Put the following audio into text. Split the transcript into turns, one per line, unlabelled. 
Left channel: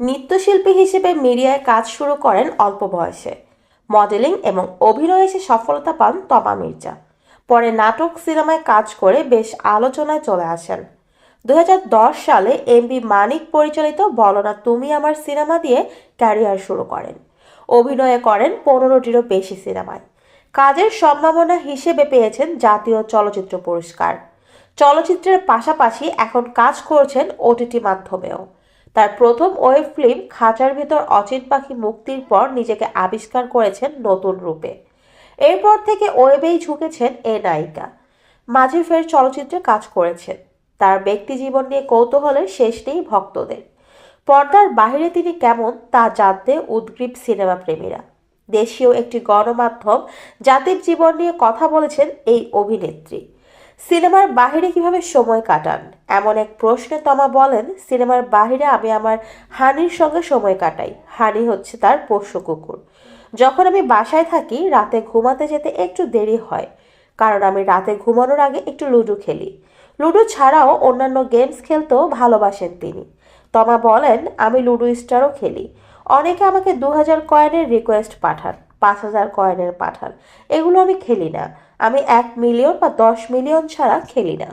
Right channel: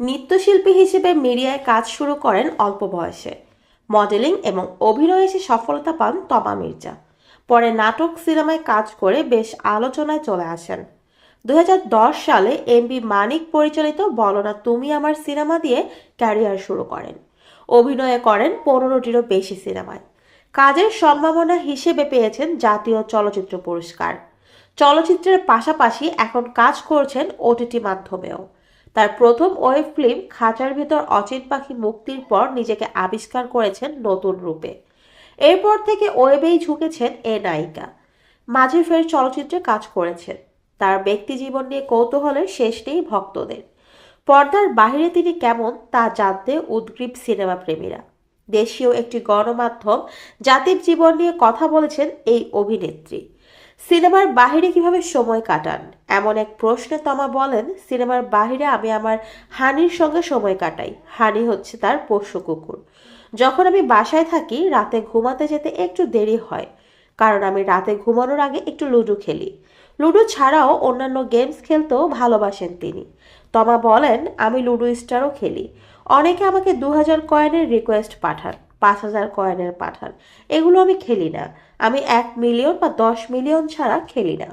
নৃত্যশিল্পী হিসেবে মিডিয়ায় কাজ শুরু করেন অল্প বয়সে। মডেলিং এবং অভিনয়ে এসে সফলতা পান তমা মির্জা। পরে নাটক, সিনেমায় কাজ করে বেশ আলোচনায় চলে আসেন। দু হাজার দশ সালে এমবি মানিক পরিচালিত বলো না তুমি আমার সিনেমা দিয়ে ক্যারিয়ার শুরু করেন। অভিনয় করেন পনেরোটিরও বেশি সিনেমায়। কাজের সম্ভাবনা হিসেবে পেয়েছেন জাতীয় চলচ্চিত্র পুরস্কার। চলচ্চিত্রের পাশাপাশি এখন কাজ করছেন ওটিটি মাধ্যমেও। তার প্রথম ওয়েব ফিল্ম খাঁচার ভিতর অচিন পাখি মুক্তির পর নিজেকে আবিষ্কার করেছেন নতুন রূপে। এরপর থেকে ওয়েবেই ঝুঁকেছেন এ নায়িকা। মাঝে ফের চলচ্চিত্রে কাজ করেছেন। তার ব্যক্তি জীবন নিয়ে কৌতূহলের শেষ নেই ভক্তদের। পর্দার বাইরে তিনি কেমন তা জানতে উদ্গ্রীব সিনেমা প্রেমীরা দেশীয় একটি গণমাধ্যম জাতির জীবন নিয়ে কথা বলেছেন এই অভিনেত্রী। সিনেমার বাহিরে কীভাবে সময় কাটান? এমন এক প্রশ্নে তমা বলেন, সিনেমার বাহিরে আমি আমার হানির সঙ্গে সময় কাটাই। হানি হচ্ছে তার পোষ্য কুকুর। যখন আমি বাসায় থাকি, রাতে ঘুমাতে যেতে একটু দেরি হয়, কারণ আমি রাতে ঘুমানোর আগে একটু লুডো খেলি। লুডো ছাড়াও অন্যান্য গেমস খেলতেও ভালোবাসেন তিনি। তমা বলেন, আমি লুডো স্টারও খেলি। অনেকে আমাকে দু হাজার কয়েনের রিকোয়েস্ট পাঠান। পাঁচ হাজার কয়েনের পাঠান। এগুলো আমি খেলি না। আমি এক মিলিয়ন বা দশ মিলিয়ন ছাড়া খেলি না।